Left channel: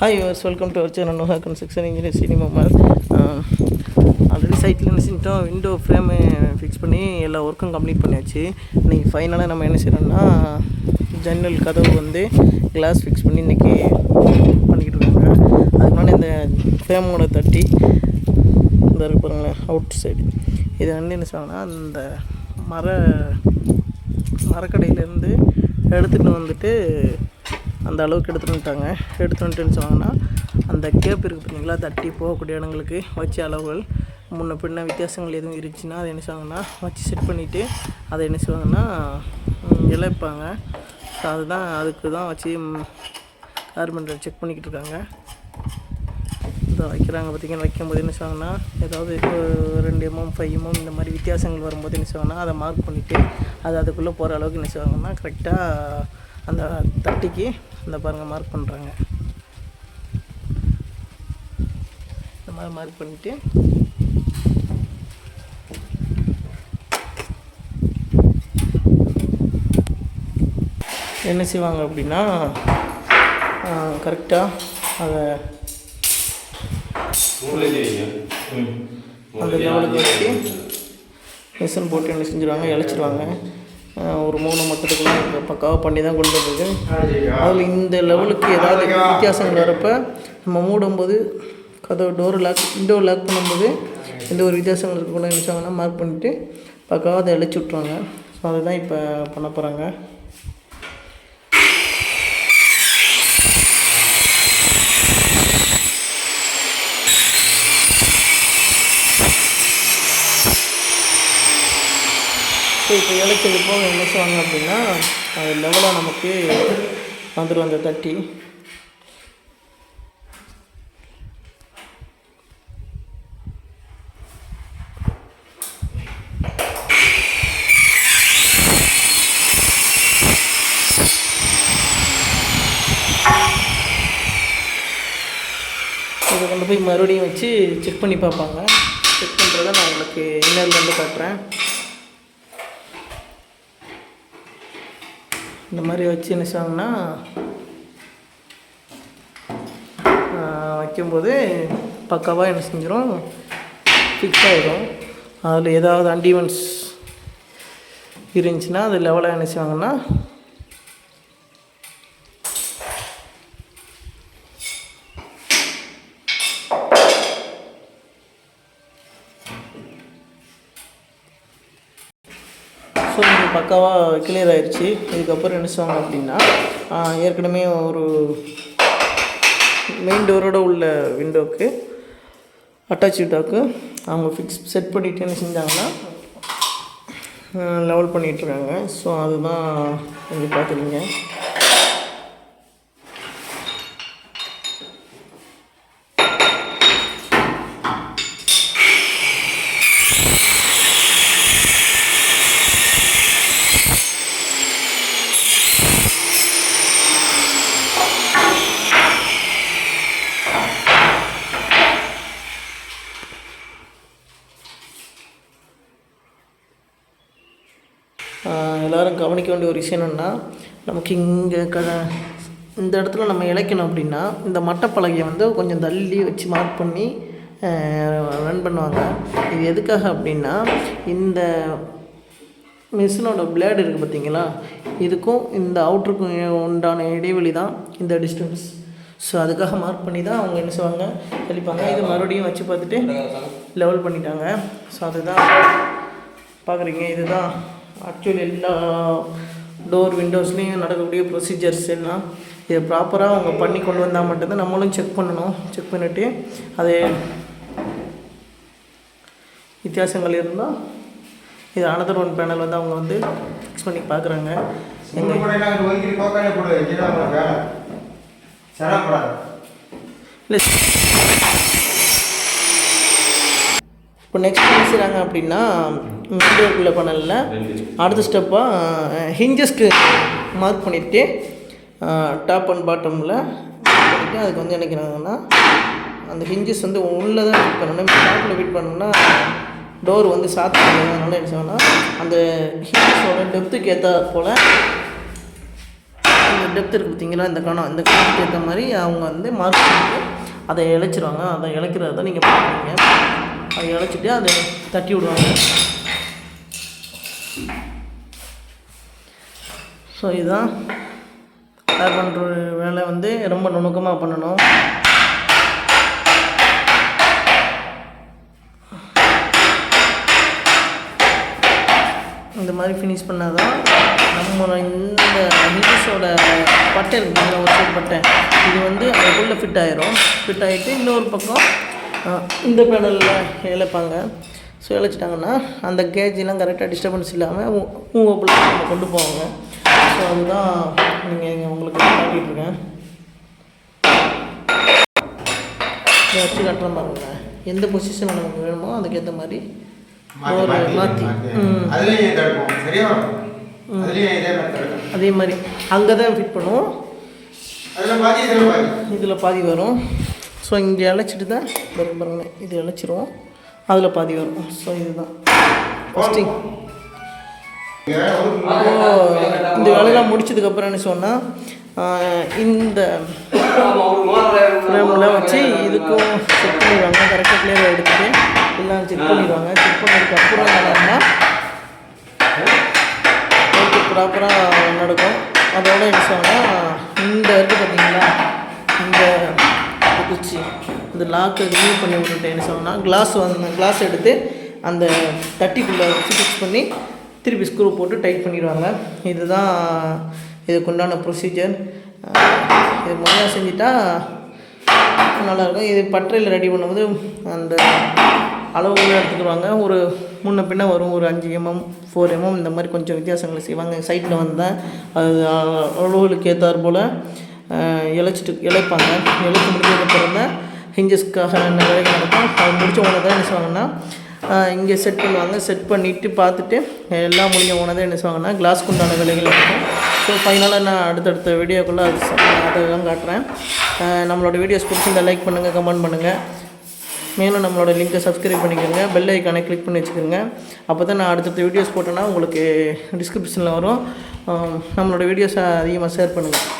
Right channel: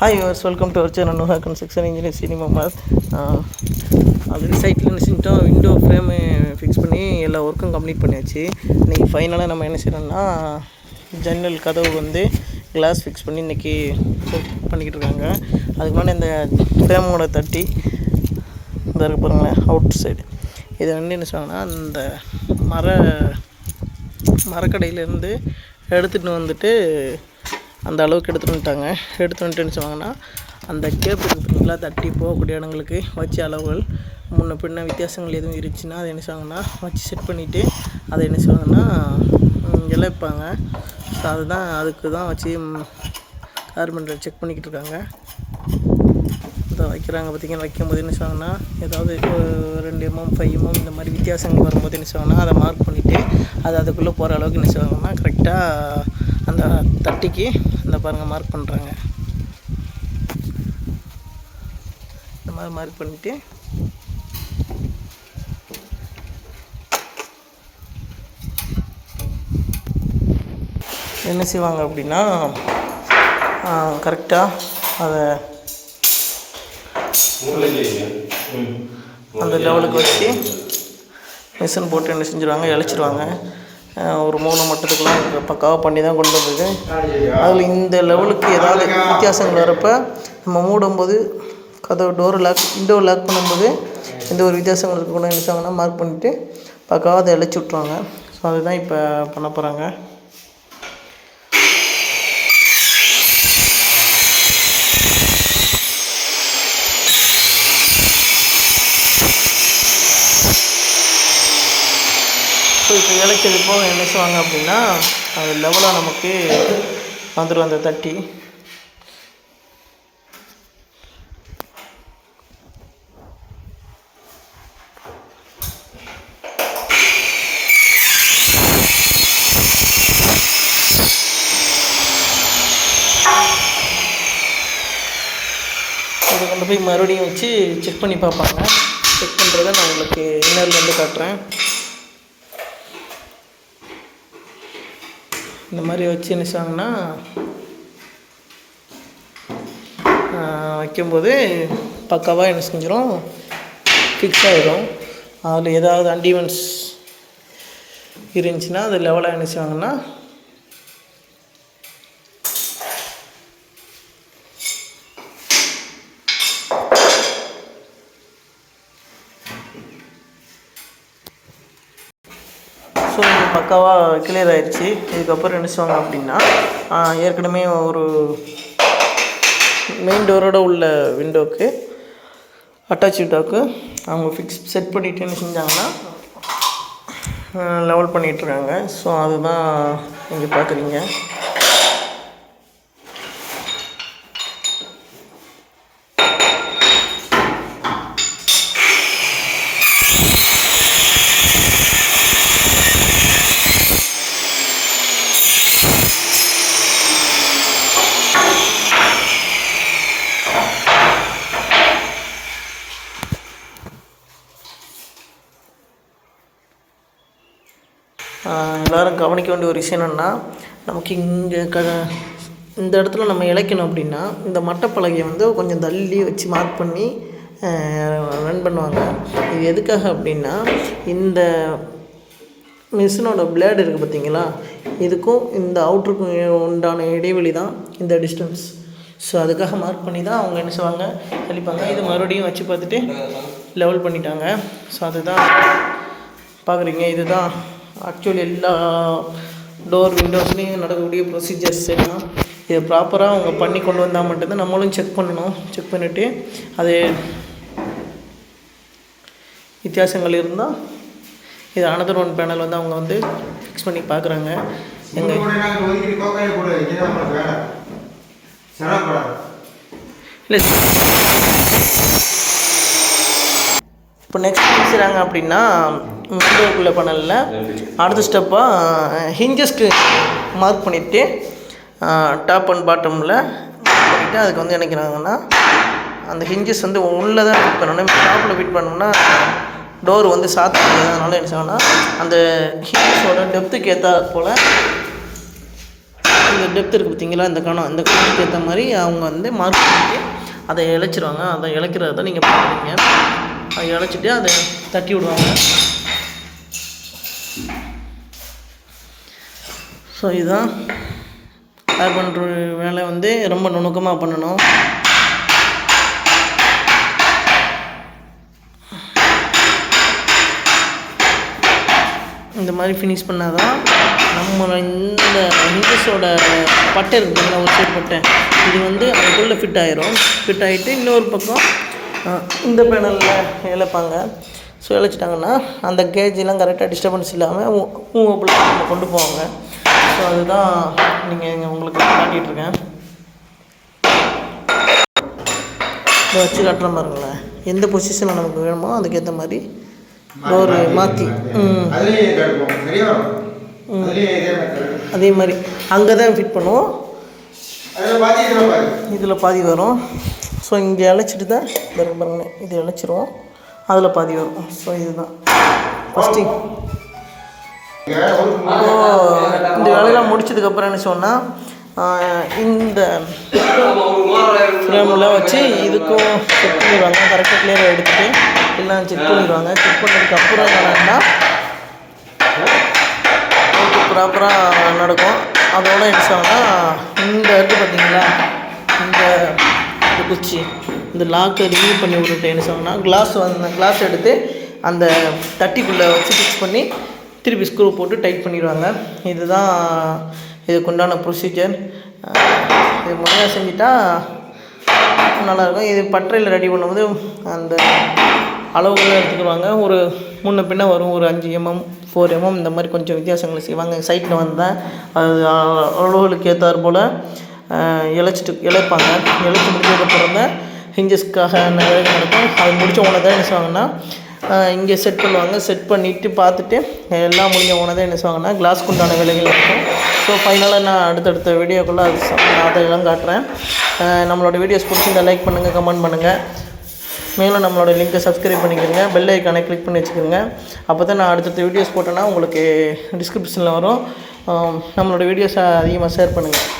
Hi yours welcome to our channel Noah construction engineer சினிமா மார் already சைட்டில் என்ன செஞ்சிட்டோம்? விண்டோ ஃப்ரேமு ஃபிக்ஸ் பண்ணி எல்லா ஒர்க்கும் கம்ப்ளீட் பண்ணியாச்சு. இன்றைக்கி ஃபைனலாக நம்ம என்ன செய்யணும்னா ஜன்னல் கதவு வந்து கிளாஸ் ஃபிக்ஸ் பண்ணி இன்றைக்கி பண்ணிக்கிட்டு இருக்காங்க. அதுக்கு முன்னாடி இந்த ஃப்ரேமோட தட்டி இந்த இருக்க பாருங்களேன் அவுட் சைடு இது வந்து என்ன செய்வாங்கன்னா அந்த மர மரக்கடையிலேருந்து எடுத்துகிட்டு வந்துட்டு அந்த அளவுக்கு எடுத்துகிட்டு வந்துட்டாங்க. எடுத்துகிட்டு வந்துட்டு என்ன அந்த கேப் இருக்குது பார்த்தீங்களா தட்டி போகக்கூடிய இடங்களுக்கு வச்ச அளவுகள். முன்ன பின்ன வித்தியாசங்கள் எதுவும் இருந்துச்சுன்னா அதை என்ன செய்வாங்கன்னா வச்சு செட் பண்ணிவிட்டு அதை என்ன செய்வாங்கன்னா ம், இழைப்பாங்க. ஸோ அதுதான் அதுக்கு தான் வச்சு கார்பெண்டர் செக் பண்ணிக்கிட்டு இருக்காங்க. இதை வைக்கிறாங்க பார்த்தீங்கன்னா வைக்கும்போது என்ன செய்வாங்கன்னா ஏதாவது ரெண்டு எம்எம் ஃபைவ் எம்எம் இந்த மாதிரி வித்தியாசங்கள் வரும்போது என்ன செய்வாங்கன்னா அதை மார்க் பண்ணிவிட்டு அது அதுக்குள்ளே போகிற அளவுக்கு என்ன செய்வாங்கன்னா கரெக்டாக அந்த தட்டிக்கு அந்த பாருங்கள் மார்க் பண்ணுறாங்க இந்த மாதிரி மார்க் பண்ணிவிட்டு என்ன செய்வாங்க அப்படின்னா கரெக்டாக அதை அந்த லெவலுக்கு வச்சு மிஷின் போட்டு என்ன செஞ்சுருவாங்க இழைச்சிருவாங்க. ஒரு மூணு மட்டத்துக்குலாம் பக்காவாக பண்ணி தான் கொண்டு வந்தது. அதில் இந்த லெவலுக்கு ஏதாவது வித்தியாசங்கள் வரப்போ நம்ம மூடும்போது கதவு டோர் லாக் விண்டோ லாக் பண்ணும்போது எந்த ஒரு வித்தியாசங்கள் இருக்கணும் நினச்சாங்கன்னா மார்க் பண்ணிவிட்டு பக்காவாக அதை அழைச்சி விட்ருவாங்க ஸோ அதுதான் இப்போ பண்ண போகிறாங்க ஸோ இப்போ இலைக்கிறது போக என்ன செய்வாங்க அப்படின்னா அது லெவலாக நமக்கு வந்துடும் அந்த தட்டி. இதை கொண்டு போய் மறுபடியும் வச்சு செக் பண்ணி பார்ப்பாங்க. செக் பண்ணுறத நான் உங்களுக்கு இன்னர்லேருந்து காட்டுறேன். இந்த மாதிரி வச்சு என்ன செய்வாங்கன்னா வைக்கும்போது பக்காவாக என்ன செஞ்சிடும் ஃபிக்ஸ் ஆகிடும் அதில் ஏதாவது அண்டிமெண்ட்ஸ் இருந்துச்சுன்னா அது லெவலாக என்ன செய்வாங்கன்னா ஸோ இது பக்காவாக கிளியர் ஆயிடுச்சு இதுக்கப்புறம் என்ன செய்வாங்க அப்படின்னா ஏற்கனவே ஒரு மெயின் டோரோட உள்ள விண்டோக்கு அட்டாச் விண்டோக்கு அவங்க ஃபிக்ஸ் செட் பண்ணிட்டு என்ன செஞ்சாங்கன்னா லெவல் பண்ணிகிட்ருக்காங்க ஸோ அதுதான் நீங்கள் பார்க்குறீங்க. எல்லாரும் கவனிக்க வேண்டிய ஒரு விஷயம் என்னென்னா நமக்கு இங்கே க இந்த இடத்துல நம்ம இழைக்கணும் அப்படின்னா இந்த மட்டப்பலகையை வந்து கொஞ்சம் தள்ளி வச்சு மார்க் பண்ணி ரன் பண்ணுவாங்க. இது எதுக்காக அப்படின்னா இந்த மிஷினோட பிளேடு இருக்குது பார்த்தீங்களா? இதுக்கும் இந்த அவுட்ருக்கும் உண்டான இடைவெளி தான் இந்த டிஸ்டன்ஸ் ஸோ அதுக்காக மார்க் பண்ணி தான் அவங்க என்ன செய்வாங்க? தெளிப்பாங்க இது மறுபடியும் வச்சு பார்த்துட்டு லெவல் பண்ணிட்டாங்க. ஸோ அதுதான். பார்க்குறீங்க இதுதான். ஆக்சுவலி எல்லா டோர் விண்டோஸ்லேயும் நடக்கக்கூடிய ப்ரொசீஜர்ஸ் எல்லாம் இதை ப்ராப்பராக அவங்க பண்ணி கொண்டு வந்தால் மட்டும்தான் நம்மளும் செக் பண்ணணும். செக் பண்ணிவிட்டு அது வித்தியாசங்கள் இருந்தால் இது அனதர் ஒன் பேனல் வந்து அவங்க வந்து ஃபிக்ஸ் பண்ணி பார்க்குறாங்க. எங்கள் இல்லை இப்போ நெக்ஸ்ட் என்ன செய்கிறாங்க அப்படின்னா விண்டோக்குள்ளே பண்ணல. அடுத்த ஸ்டெப்பாக ஹிஞ்சஸ்க்கு மார்க் பண்ணிவிட்டு டாப் அண்ட் பாட்டமில் பண்ணிவிட்டு அதுக்கு வந்து நினைக்கிறாங்கன்னா அந்த ஹிஞ்சஸ் வந்து உள்ளே தான் ஃபிட் பண்ணணும் டாப்பில் ஃபிட் பண்ணோம்னா டோர் வந்து சாத்த முடியாது அதனால என்ன செய்வாங்கன்னா அந்த ஹிஞ்சஸோட டெப்த்துக்கு ஏற்ற போல் இந்த டெப்த் இருக்குது பார்த்தீங்களா இந்த கணம் இந்த கணத்துக்கு ஏற்ற மாதிரி அவங்க வந்து மார்க் பண்ணிட்டு அதை இழைச்சிருவாங்க. அதை இழைக்கிறத நீங்கள் பார்க்குறீங்க அதை இழைச்சிட்டு அதை தட்டி விடுவாங்க. ஸோ இதுதான். ஏர் பண்ணுற வேலை வந்து ரொம்ப நுணுக்கமாக பண்ணணும். இந்த மாதிரி ஃபினிஷ் பண்ணால் தான் நம்ம இந்த ஹிந்துஸோட பட்டை இருக்குது பார்த்தீங்களா ஒரு சைடு பட்டை. இது வந்து அதுக்குள்ளே ஃபிட் ஆயிரும். ஃபிட் ஆகிட்டு இன்னொரு பக்கம் இந்த பேனலில் இழைப்பாங்க. ஸோ இழைச்சிட்டாங்கன்னா அந்த கேஜிலாம் கரெக்டாக டிஸ்டர்பன்ஸ் இல்லாமல் மூவபிள் நம்ம கொண்டு போவாங்க. ஸோ அதுதான் நீங்கள் இங்கே உங்களுக்கு காட்டிகிட்டு இருக்கேன். இதை வச்சு காட்டுறேன் பாருங்களேன். எந்த பொசிஷனில் நமக்கு வேணுமோ அதுக்கேற்ற மாதிரி டோரு மாற்றி அதே மாதிரி. அங்கே தான் ஃபிட் பண்ணுவோம் இதில் பாதி வரும். ஸோ இங்கே இழைச்சிட்டு தான் பாருங்க பாருங்க இது இழைச்சிருவோம் அதில் பாதி வரும். ஸோ இதுதான். ஃபஸ்ட்டு இங்க இந்த வேலையெல்லாம் முடிச்சதுக்கப்புறம் என்ன சொன்னால் இந்த ஃப்ரேமில் வச்சு இதுக்கும் செக் பண்ணிடுவாங்க. கரெக்டாக கிளியராக எடுத்துகிட்டு எல்லாம் செக் பண்ணிடுவாங்க. செக் பண்ணதுக்கப்புறம் என்னன்னா ஓகே ப்ராப்பராக நடக்கும். அதோட என்ன சொன்னால் இந்த இருக்குது பார்த்தீங்களா? இந்த வச்சு இந்த லாக்கை ரிமூவ் பண்ணி விட்டுட்டு என்ன சொன்னால் கிளாஸ் வந்து கிளாஸ் எடுத்து அந்த தட்டிக்குள்ளே வச்சு ஃபிக்ஸ் பண்ணி திருப்பி ஸ்க்ரூ போட்டு டைட் பண்ணிடுவாங்க. இதுதான் இதுக்கு உண்டான ப்ரொசீஜர் இது முறையாக செஞ்சுட்டா நல்லாயிருக்கும் இது பட்டறையில் ரெடி பண்ணும்போது அந்த அளவுகள் எடுத்துக்கிடுவாங்க. ஒரு முன்ன பின்ன வரும். ஒரு அஞ்சு எம்எம் ஃபோர் எம்எம் இந்த மாதிரி கொஞ்சம் வித்தியாசங்களை செய்வாங்க. சைட்டில் வந்தால் அது அளவுகளுக்கு ஏற்றாற் போல் இழைச்சிட்டு இழைப்பாங்க. இழைச்சி முடிஞ்சதுக்கப்புறம் தான் ஹிஞ்சஸ்க்காக வேலைகள் நடக்கும். அது முடித்த உடனே தான் என்ன செய்வாங்கன்னா இங்கே செட் பண்ணுவாங்க. செட் பண்ணிவிட்டு பார்த்துட்டு எல்லாம் முடிஞ்ச உடனே தான் என்ன செய்வாங்கன்னா கிளாஸ்க்கு உண்டான வேலைகள் இருக்கும் ஸோ ஃபைனலாக நான் அடுத்தடுத்த வீடியோக்குள்ளே அது நான் அதையெல்லாம் காட்டுறேன். நம்மளோட வீடியோஸ் பிடிச்சிருந்தா லைக் பண்ணுங்கள் கமெண்ட் பண்ணுங்கள் மேலும் நம்மளோட லிங்க்கை சப்ஸ்கிரைப் பண்ணிக்கோங்க பெல் ஐக்கானை கிளிக் பண்ணி வச்சுக்கோங்க அப்போ தான் நான் அடுத்தடுத்த வீடியோஸ் போட்டேன்னா உங்களுக்கு டிஸ்கிரிப்ஷனில் வரும். நம்மளோட வீடியோஸை அதிகமாக ஷேர் பண்ணுங்கள்